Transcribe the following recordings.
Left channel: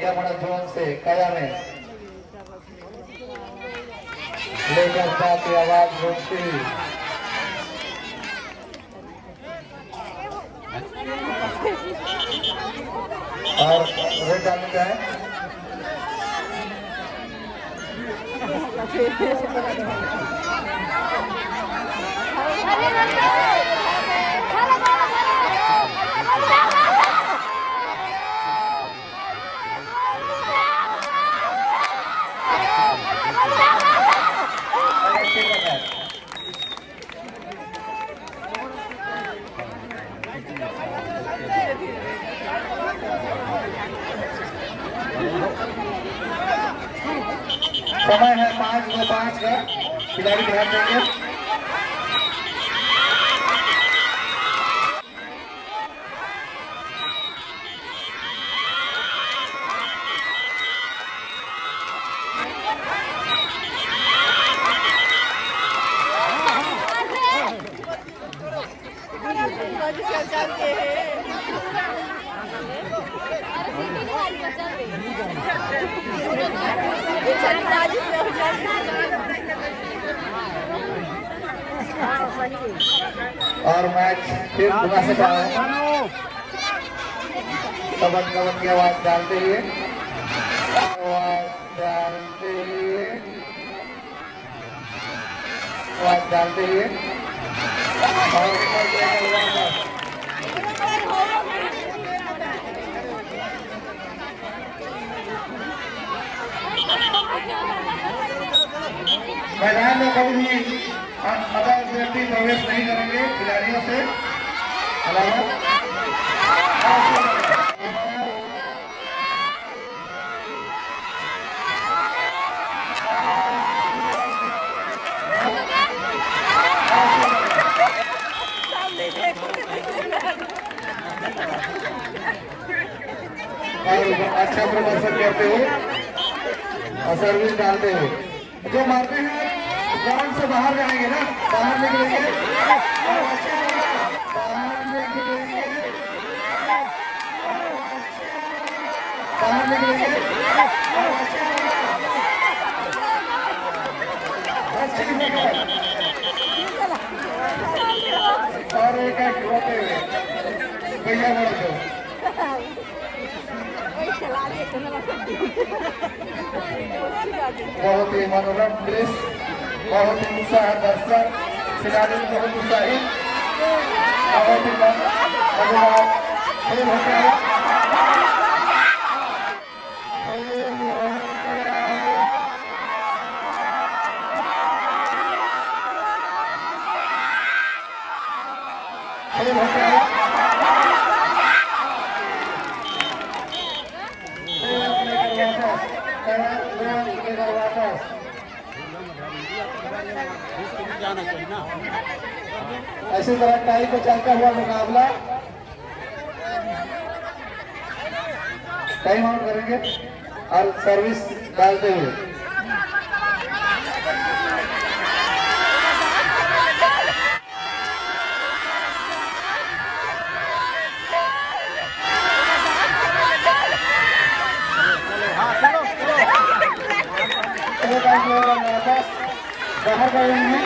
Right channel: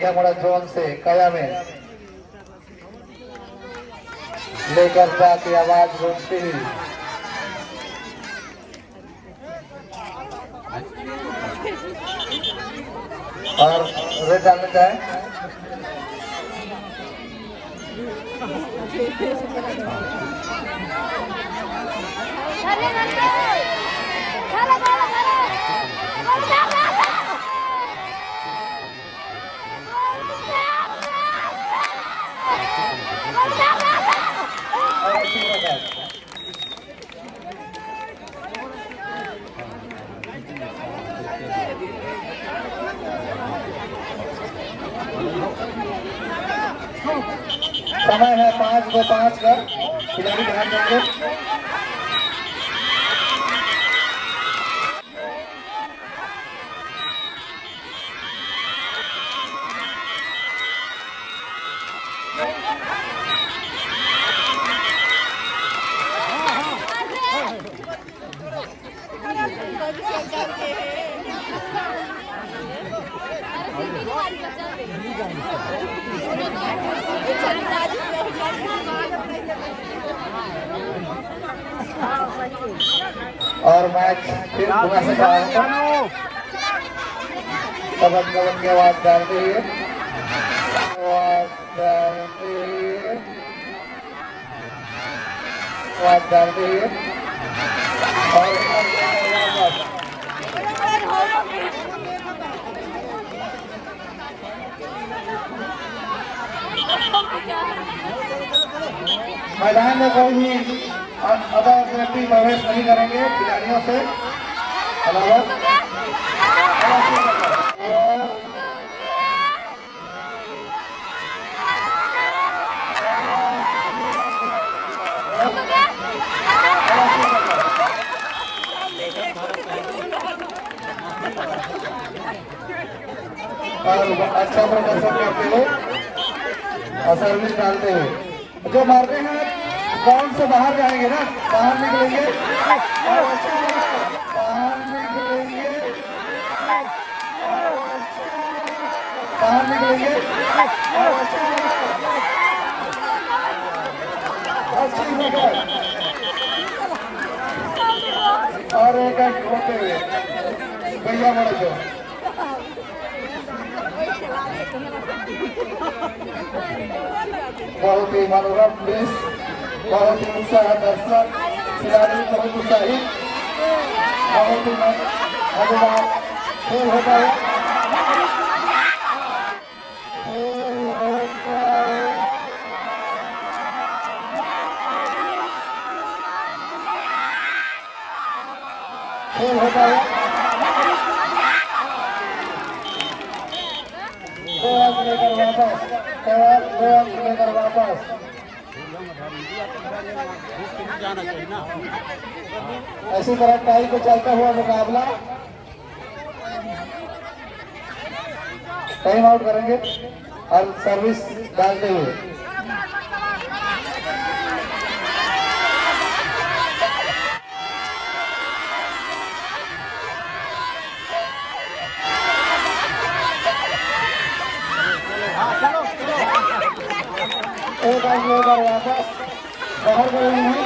Zone से कया में लेकर जाके आवाज रोकती और वो जाने का है समय है 5:05 का खिलाड़ी और मैच फिर पवन की आवाज डालते हुए मैदान में कोई भी अभी प्रवेश नहीं करेंगे खिलाड़ियों से अच्छा प्रदर्शन करते हुए सर्विस डालते हुए जो मारते हैं ग्राउंड से बाहर जाएंगे ना बाहर निकलेंगे और एक भैया बहुत ही मनोरम दृश्य बहुत ही उत्साह दर्शक खिलाड़ी बहुत उत्साही जाना चाहिए ना। ऐसी तरह टाई को चलता हुआ मुकाबला टाइम आउट करेंगे और सर्विस डालते हुए चलो वापस बाहर कर रहे हैं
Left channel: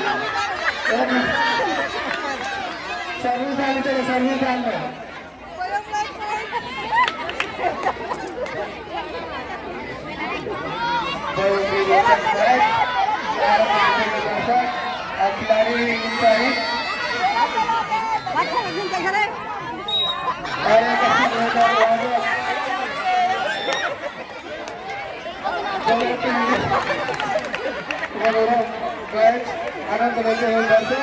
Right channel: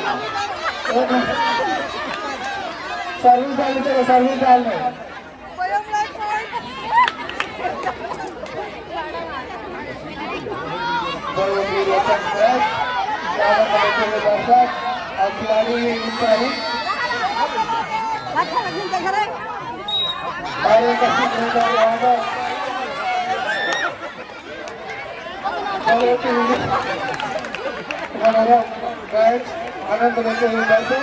सर्विस डाल चलो सर्विस डाल में खिलाड़ी आनंद लेते हुए दर्शक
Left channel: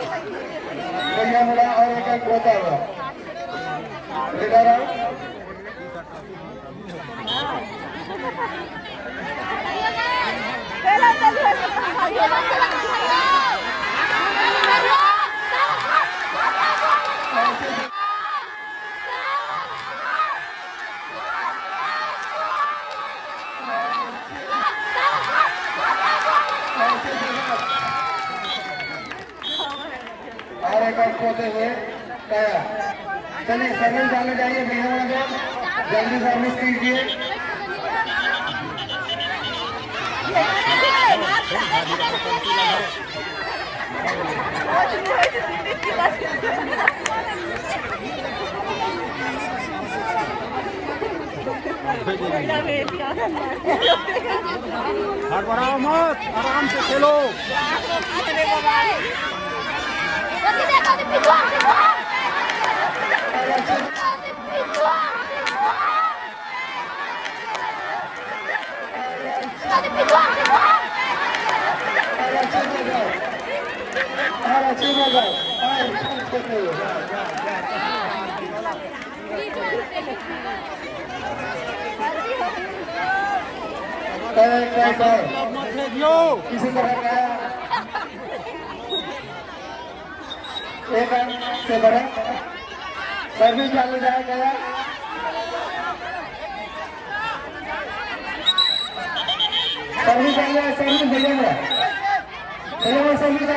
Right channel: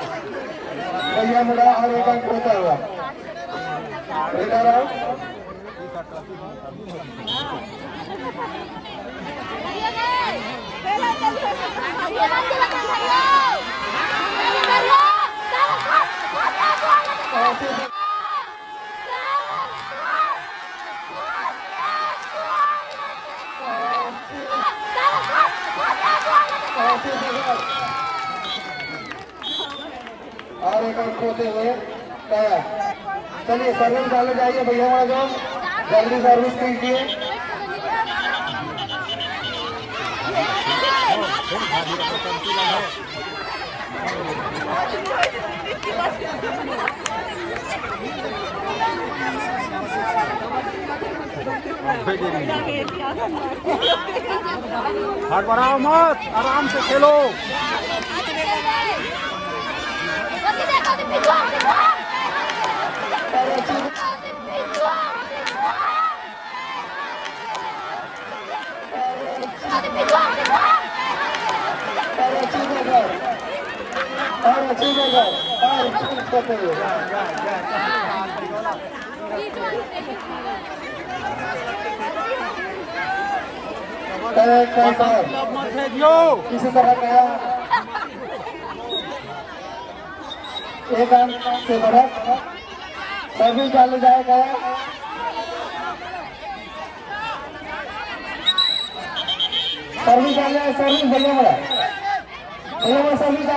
भैया मेरा और एक होता हुआ Pela, गया। चलिए सर्विस वाले जाइए भैया वाला जल्दी सर्विस कीजिए। हड़बड़ाओ मत, आराम से खेलो। मत भेजियो। किसी तरह का एक अंक से बढ़त सर्विस वाले जाएगा। सर्विस वाले सर्विस देने वाला सर्विस वाले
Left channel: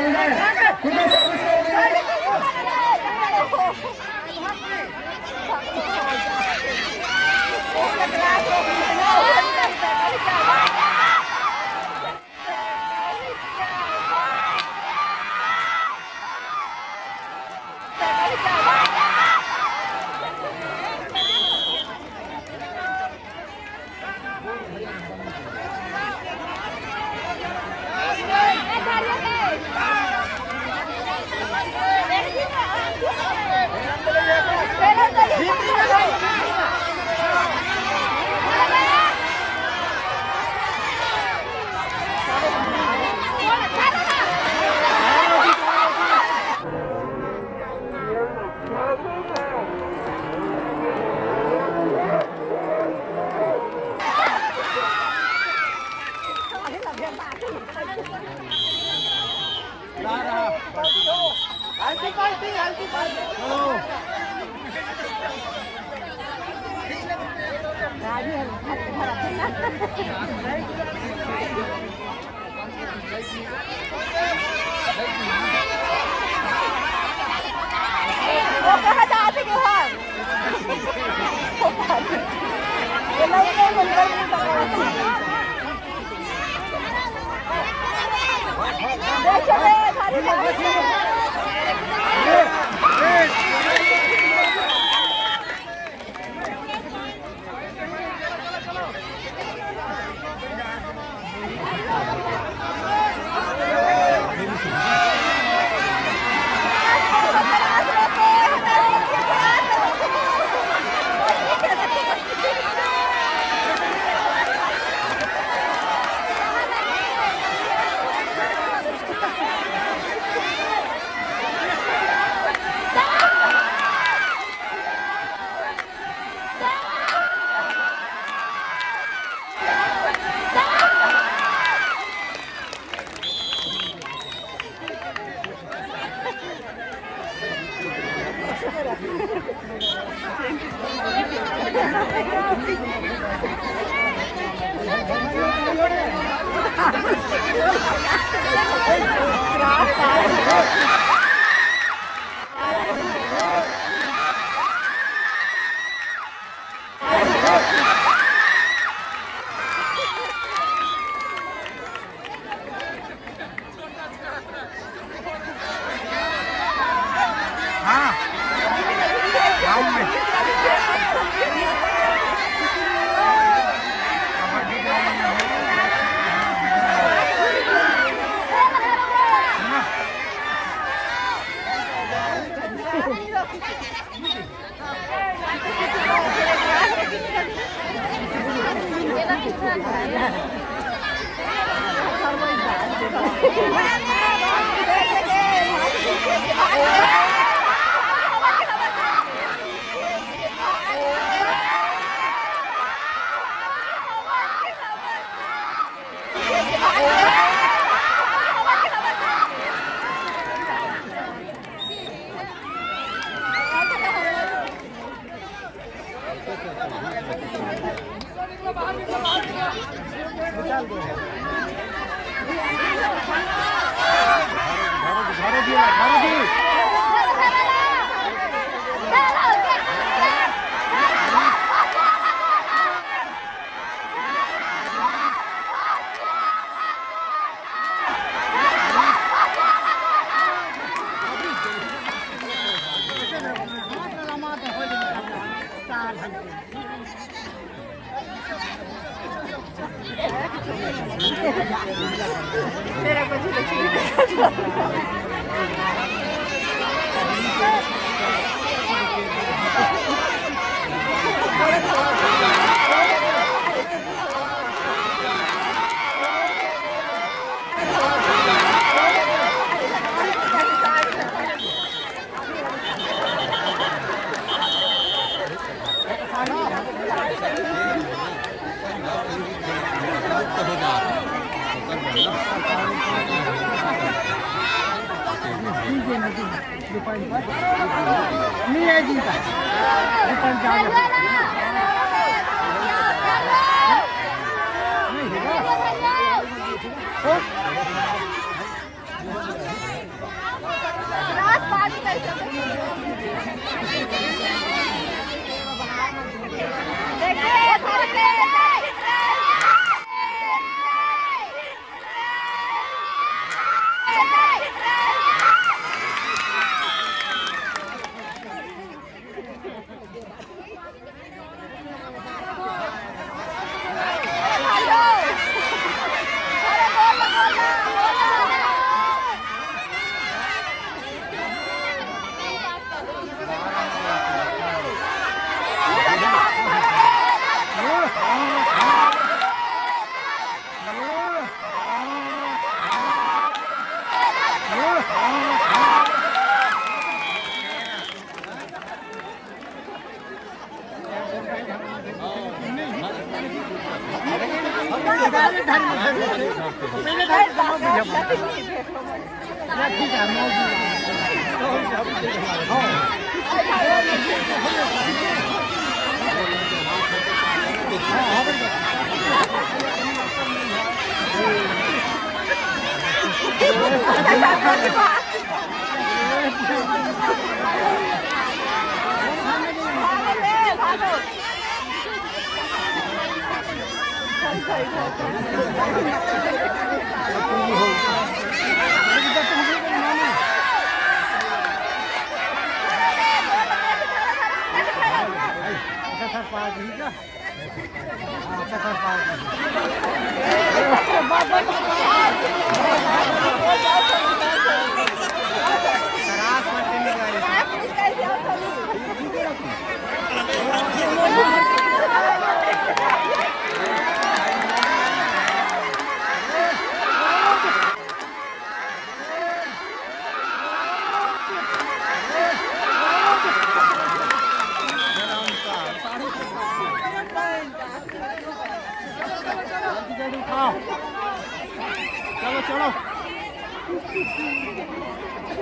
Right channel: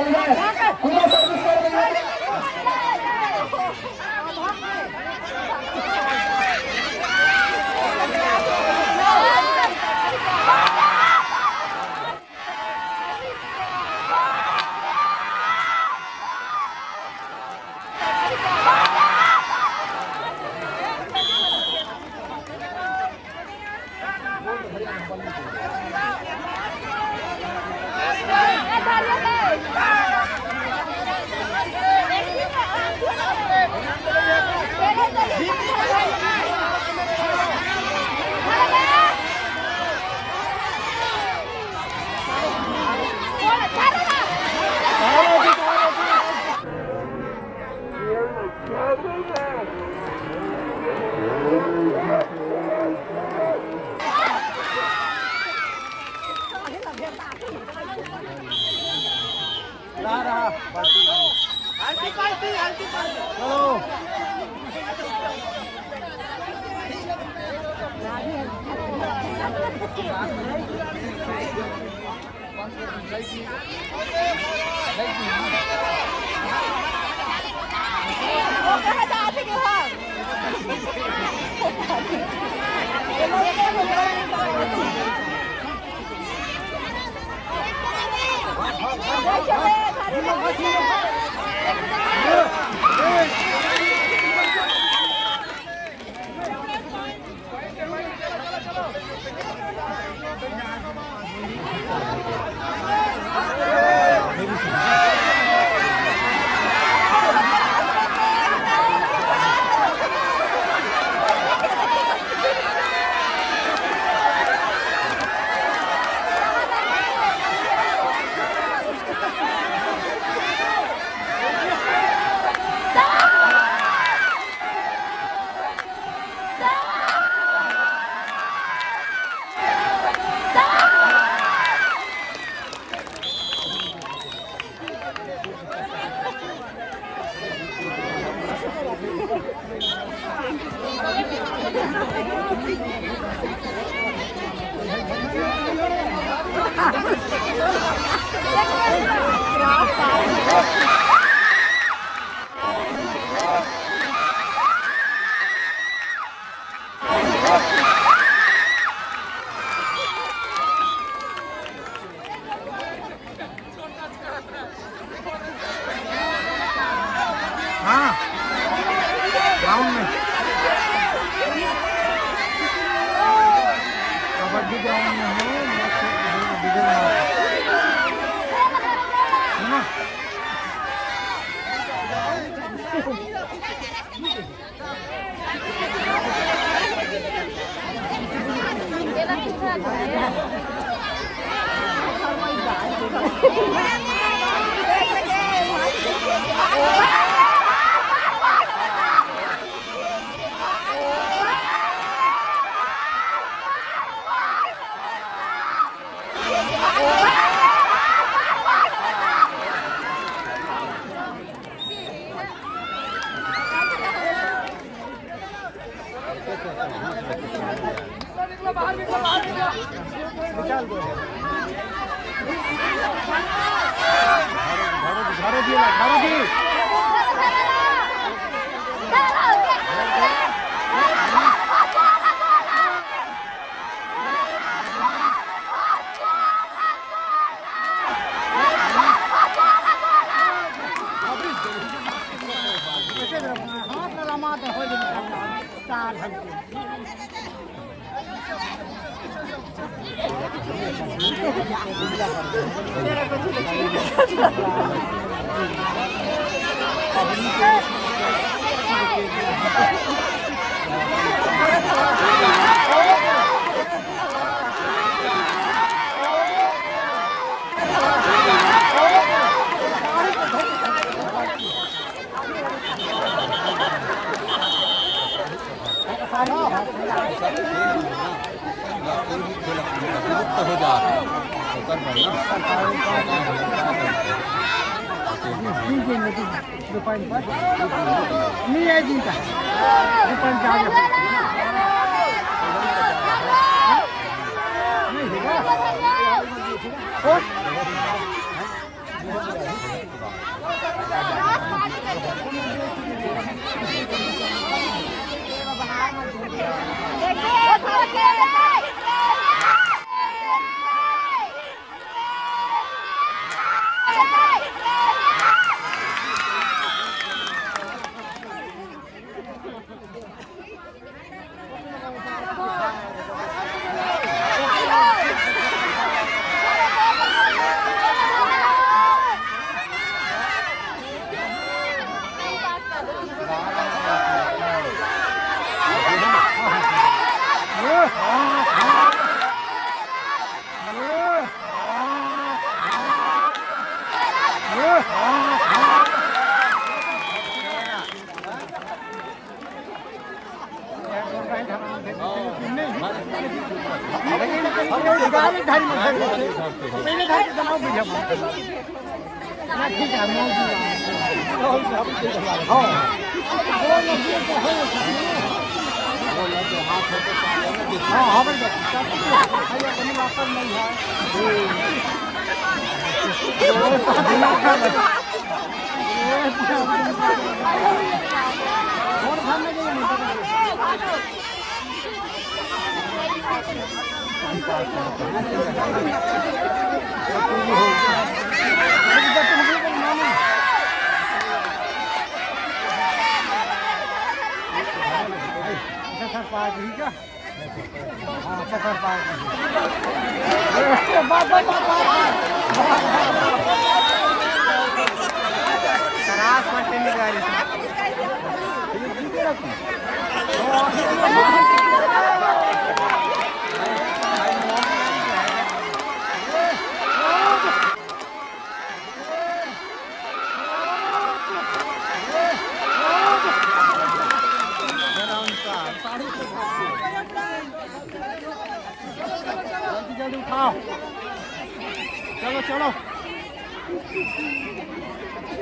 नहीं है जी का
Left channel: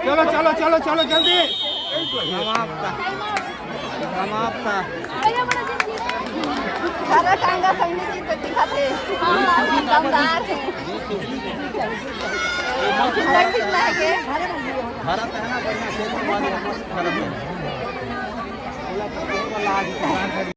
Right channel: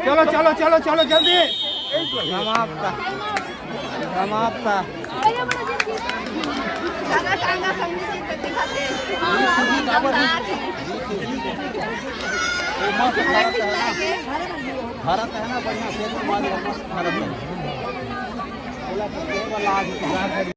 चलो चलो चलो चलो जल्दी समाप्त भारत है ना बढ़िया